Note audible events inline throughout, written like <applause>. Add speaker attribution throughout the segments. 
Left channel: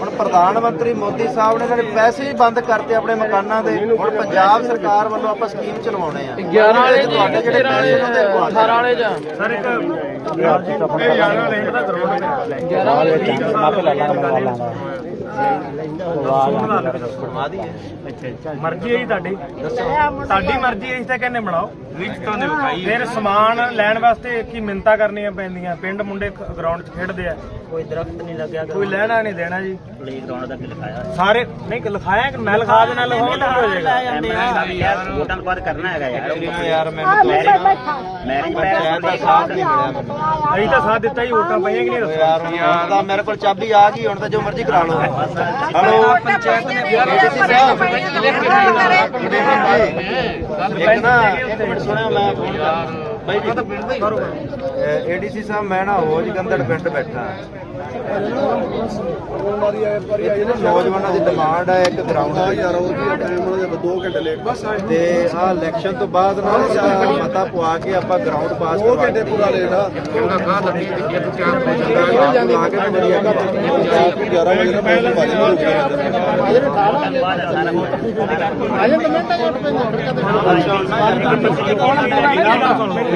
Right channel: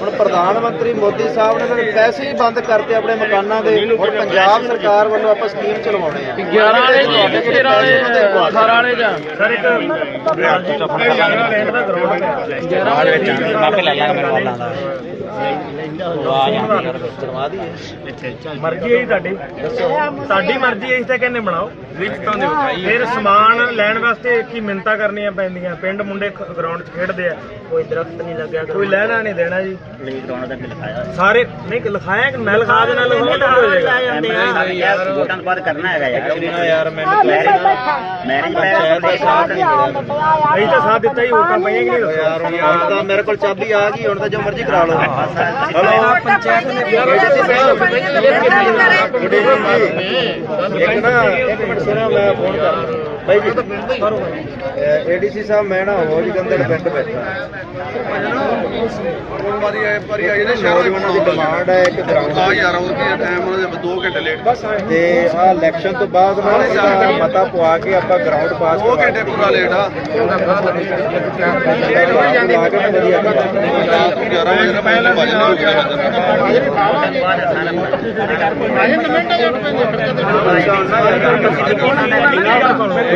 Speaker 1: ਹੁਣ ਪ੍ਰਧਾਨ ਮੰਤਰੀ ਮੋਦੀ ਸਾਹਿਬ ਨੇ ਤਾਂ ਪੈਸੇ ਹੀ ਬੰਦ ਕਰਤੇ ਆਪਣੇ ਮਕਾਨਾਂ ਦੇ ਹੁਣ ਪੰਜਾਬ ਸਰਕਾਰ ਵੱਲੋਂ ਆਪਾਂ ਸਕੀਮ ਚਲਵਾਉਣੇ ਆ
Speaker 2: 11 ਦੇ ਤੁਹਾਡੇ ਕਿਹੜੇ ਪੈਸੇ ਉਹਨਾਂ ਦੇ
Speaker 3: 18 ਵਾਲੇ ਜਾਂ
Speaker 2: ਸਰ ਇੱਕ ਬਿਆਜੀ ਚਾ ਫੜਕਾ ਲੈਣਾ ਗਰਾਉਂਡ ਵਿੱਚ ਮਾਪੇ ਲੈ ਲਾਂਗਾ ਮੇਰੇ
Speaker 3: ਵਾਲਾਂ ਦਾ ਮਰਜ਼ੀ ਹੈ ਤੁਹਾਡੀ ਤੁਹਾਡੀ ਮਰਜ਼ੀ ਹੈ ਇਸ ਤੇ ਕਹਿੰਨੇ ਬਣਾਓ ਰਿਸ਼ਤਾਂ ਦੇ ਫਿਰ ਸਮਾਨ ਲੈਣ ਵਾਸਤੇ ਇੱਕ ਹੀ ਮਿੰਤਾ ਕਰਨੀਆਂ ਪੈਂਦੀਆਂ ਪਿੰਡ ਮੁੰਡੇ ਗਰਾਊਂਡ 'ਚ ਖੇਡਦੇ ਆ ਕੋਈ ਦਰਖਤ ਨਹੀਂ ਲੱਗਿਆ ਕੋਈ ਲੈਣਾ ਨਹੀਂ ਦੇਣਾ ਜੀ
Speaker 4: ਨਹੀਂ ਕਰਾਉਣਾ ਤਾਂ ਲਿਖਾਇਆ
Speaker 3: ਸਾਰੇ ਨਹੀਂ ਲਿਖਾਇਆ ਕਿ ਮੈਂ ਲਿਖਾ ਦੇਣਾ ਲਿਖਾਉਣਾ
Speaker 4: ਤਾਂ ਹੋ ਜਾਏਗਾ ਵੋਟਾਂ ਕਰਨਾ
Speaker 3: ਹੈਗਾ ਯਾਰ ਮੈਂ
Speaker 1: ਮੈਂ
Speaker 4: ਸਾਥ
Speaker 3: ਨਹੀਂ ਤਾਂ ਸਾਥ ਦਿੱਤਾ ਹੀ ਵੋਟਾਂ ਪਈਆਂ ਕਿ ਨਹੀਂ ਦੱਸੋ ਯਾਰ ਮੇਰੇ ਕੋਲ ਚਾਬੀ ਆ ਗਈ ਹੁਣ ਤਾਂ ਜੋ ਮਰਜ਼ੀ ਕਰਾ ਲਓ ਹਲੋ
Speaker 4: ਪੰਚਾਇਤ ਨੇ
Speaker 3: ਬਿਆਨ ਦਿੱਤਾ ਸੀ ਸਾਹਿਬ ਇੱਕ ਮਿੰਟ ਸੁਣਿਆ ਮੈਂ ਫੋਨ ਕਰਾਂ ਬਾਈ ਜੀ ਏਡੀਸੀ ਸਾਹਿਬ ਮੈਂ ਨਾ ਹੋ ਜਗੰਦਰ ਪਿੰਡ ਬੈਠਾ ਤੇ ਆ ਇਲੈਕਸ਼ਨ ਤੋਂ ਬਾਅਦ ਨਾ ਮਤਾ ਪਵਾ ਕੇ ਆਪਾਂ ਗਰਾਊਂਡ ਪਾਸ ਉਹ ਘੰਟੇ ਪੂਰਾ ਲੇਟ ਆ ਉਹਦਾ ਘਾਟ ਨਹੀਂ ਕਿ ਕੈਂਪ ਵਿੱਚ ਜਾ ਰਹੇ ਹਾਂ ਜਾਂਦੇ ਹਾਂ ਜਾਂਦੇ ਹਾਂ ਜਾਂਦੇ ਹਾਂ ਜਾਂਦੇ ਹਾਂ ਜਾਂਦੇ ਹਾਂ ਜਾਂਦੇ ਹਾਂ ਜਾਂਦੇ ਹਾਂ ਜਾਂਦੇ ਹਾਂ ਜਾਂਦੇ ਹਾਂ ਜਾਂਦੇ ਹਾਂ ਜਾਂਦੇ ਹਾਂ ਹਾਂ ਜਾਂਦੇ ਹਾਂ ਜਾਂਦੇ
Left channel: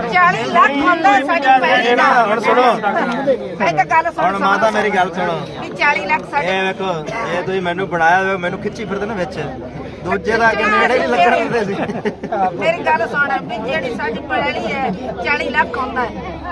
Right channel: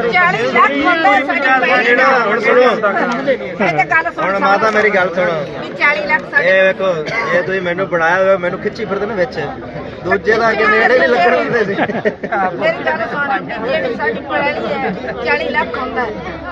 Speaker 3: ਮਾਤਾ ਮੇਰੀ ਗੱਲ ਸੁਣ 40 ਲੱਖ ਇਹ ਵੇਖੋ ਇਹ ਤੁਸੀਂ ਮੈਨੂੰ ਬਣਾਇਆ ਹੋਇਆ ਮੈਨੂੰ ਖਿੱਚੀ ਫਿਰਦੇ ਨੇ ਵਿੱਚ ਦੂਜੇ ਦਾ ਅੱਗੇ ਨੇੜੇ ਵੀ ਲੱਗਣ ਹੁੰਦੇ ਸੀ
Speaker 1: ਮੇਰੀ ਗੱਲ ਸੁਣ ਜਿਹੜੀ ਸੱਜ ਪੜਾਈ ਹੈ 40 ਲੱਖ ਹੁੰਦਾ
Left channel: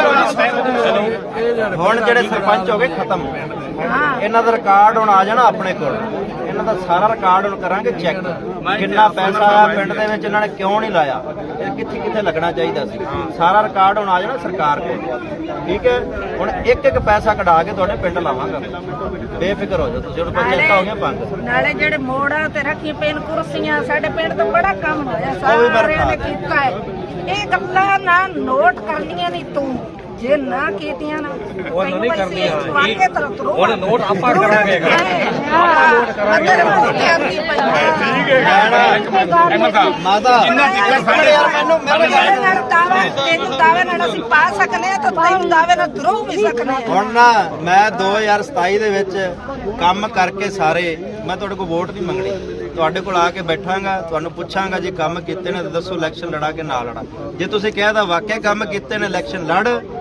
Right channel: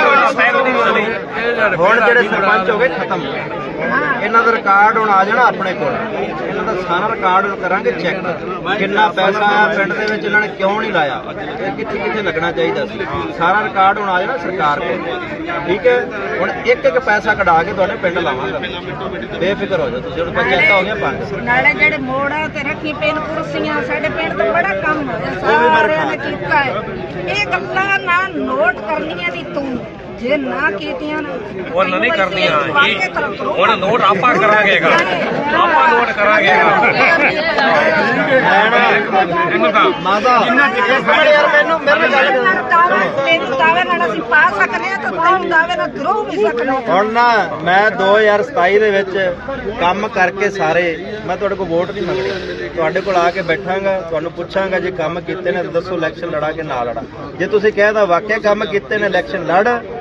Speaker 3: Gracias. <coughs> ਹੁਣ ਜਿਹੜੇ ਸਰਪੰਚ ਹੋ ਗਏ ਖਤਮ ਇਹਨਾਂ ਦਾ ਰਿਕਾਰਡ ਹੁਣ ਆ ਜਾਣਾ ਆਪਣੇ ਕੋਲ ਇਹਨਾਂ ਦਾ ਸਾਰਾ ਰਿਕਾਰਡ ਕਰਾਂਗੇ ਚੈੱਕ ਕਿੰਨਾ ਪੈਸਾ ਆਇਆ ਪਿੰਡ ਦੇ ਵਿੱਚ ਇਹਨਾਂ ਨੇ ਕਿਉਂ ਨਹੀਂ ਲਾਇਆ ਕਿੱਥੇ ਕਿੱਥੇ ਲੱਗਣਾ ਚਾਹੀਦਾ ਸੀ ਸਾਰਾ ਰਿਕਾਰਡ ਹੁਣ ਆ ਜਾਣਾ ਸਰਕਾਰ ਕੋਲ ਠੀਕ ਹੈ ਹੁਣ ਇੱਕ ਇੱਕ ਪੈਸਾ ਕਢਾ ਕੇ ਤੁਹਾਡੇ ਪਿੰਡ ਲਾਵਾਂਗਾ ਬੇਫਿਕਰ ਹੋ ਜਾ ਤੁਸੀਂ ਹੁਣ ਪੰਜਾਤਾ ਹੋ ਗਿਆ ਪੰਜ
Speaker 1: ਨਾਲੇ ਜਿਹੜੇ ਮੋੜਾ ਤੇ ਰੱਖੀ ਪੈਨ ਕੁਰਸੀਆਂ ਸਾਡੇ ਪਿੰਡ ਤੋਂ ਬੜਾ ਕੰਮ ਹੋਇਆ ਸਾਰਾ ਰਿਆ ਨੇ ਕੀਤਾ ਹੈ ਇਹ ਗੱਲਾਂ ਨਾ ਨੋਟ ਕਰਨੀਆਂ ਨਹੀਂ ਤੂੰ ਜੇ ਨਾ ਕੀਤੀਆਂ ਨਾ
Speaker 3: ਉਹ ਨਾ ਨਹੀਂ ਕਰਦੀਆਂ ਹੁਣ ਨੋਟ ਆਪਾਂ ਕਰਾਂਗੇ ਆਪਾਂ ਨੋਟ ਕਰਾਂਗੇ ਠੀਕ ਹੈ ਇਹਨਾਂ ਮਾਦਾ ਜਿੰਨਾ ਦਿੱਤੇ ਖੜੇ ਯਾਰ ਮੈਨੂੰ ਮੇਰੇ
Speaker 1: ਮੈਨੂੰ ਦਾਵੇ ਨਾਲ ਅਸੀਂ ਪਾ ਸਕਨੇ ਆ ਤਾਂ ਤੈਨੂੰ ਦਾਵੇ ਨਾਲ ਗਰੋਹ ਵੀ ਸਕਨੇ
Speaker 3: ਹੁਣ ਨਾ ਮੈਂ 2027 ਦੇ ਵਿੱਚ ਕੰਮ ਕਰਕੇ ਸਾਰੇ ਮੈਂ ਤੁਹਾਡੇ ਕੋਲ ਵੋਟ ਨਹੀਂ ਮੰਗਦੀ ਤੁਹਾਡੇ ਕੋਲ ਆ ਕੇ ਬੈਠਾਂਗਾ ਤੁਹਾਨੂੰ ਪੁੱਛਾਂਗਾ ਜੇ ਕੰਮ ਕੀਤੇ ਨੇ ਤਾਂ ਦੱਸੋ ਇਲੈਕਸ਼ਨ ਲੜਾ ਕੇ ਨਾ ਲੜਾ ਜੇ ਤੁਸੀਂ ਕਹਿਦਾ ਵਾਕਿਆ ਕੰਮ ਕੀਤੇ ਨੇ ਇਲੈਕਸ਼ਨ ਲੜ